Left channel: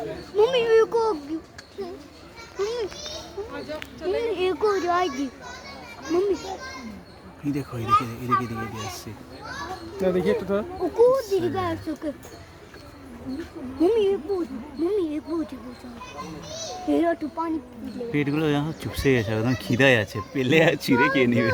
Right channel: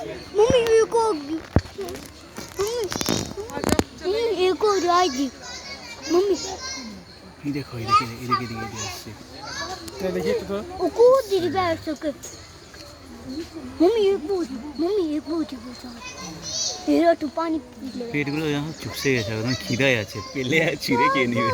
mummy एक जाएगी mummy ये देखो ये देखिए इधर से क्या देखिए तो वो कूद दी बैठ सके मम्मी ये कूद तेरा तो पानी पी ले পেটগুলো যখন চুপসে গেছে একদম খিদায় আছে পেলে আর ছিঁড়ে খেয়ে নিবে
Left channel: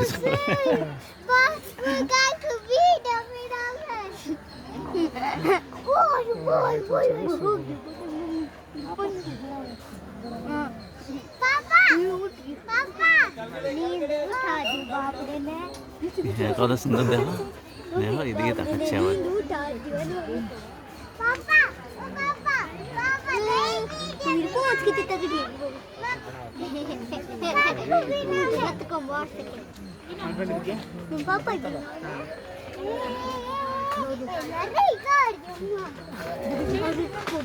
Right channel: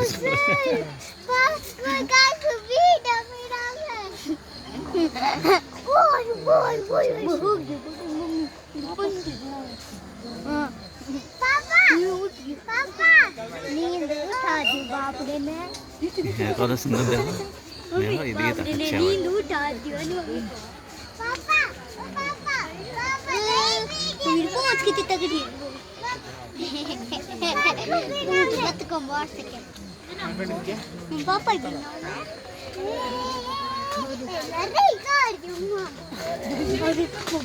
হ্যাঁ কত সুন্দর দেখো দেখো এদিকে তাকাচ্ছে আবার पापा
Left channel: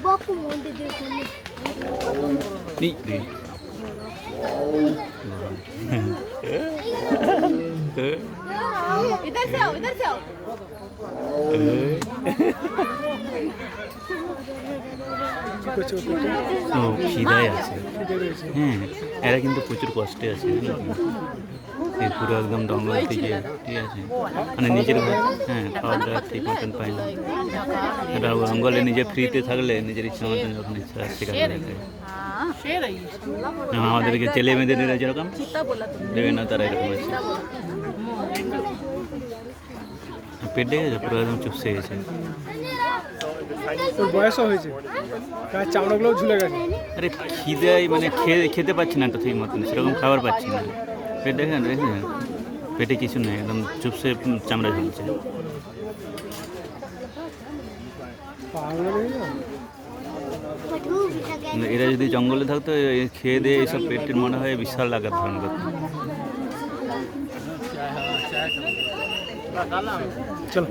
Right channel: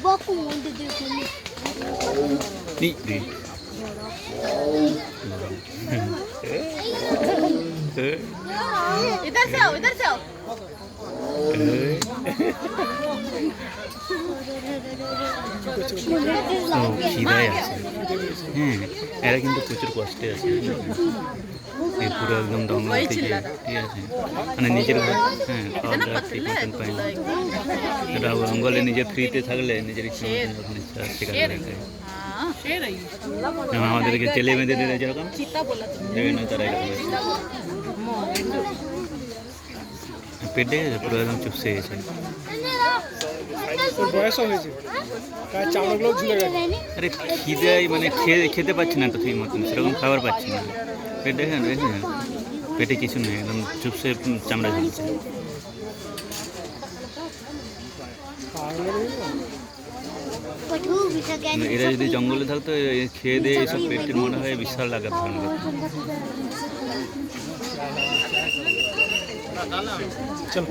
बापू मुंडे देखने नी रे इधर से आओ ও খিদায় আছে হ্যাঁ এরা কিন্তু প্রচুর কষ্টে আছে এই পুরো একদম জঙ্গল থেকে ঠিক আছে মানে নিজের ঘর হ্যাঁ খাওয়া দাওয়া ঠিক মতন পায় না এটা জঙ্গলে নিজে ফ্রিতে থাকলে নিজের ইচ্ছা মতন যখন ইচ্ছা শিকার করে খায় যেমন আমাদেরকে জেলে বেঁধে দিলে যেরকম দেবে না তারা এরকম আছে পেটে গেছে পুরো একদম চুপসে গেছে বয়স হয়েছে তার চামড়াগুলো ঝুলে গেছে আরে খিদাই মানে খেতে পাচ্ছি না তো ঠিক মতন সেরকম খাবার পাচ্ছি না পেট দেখেন পেটে কিছু নেই একদম চুপসে চামড়া ঝুলছে এরা যদি জঙ্গলে থাকতো খেয়ে দিয়ে এইসব পেটের মনে হয় বিশাল আঘাত ধারণ করতো চলো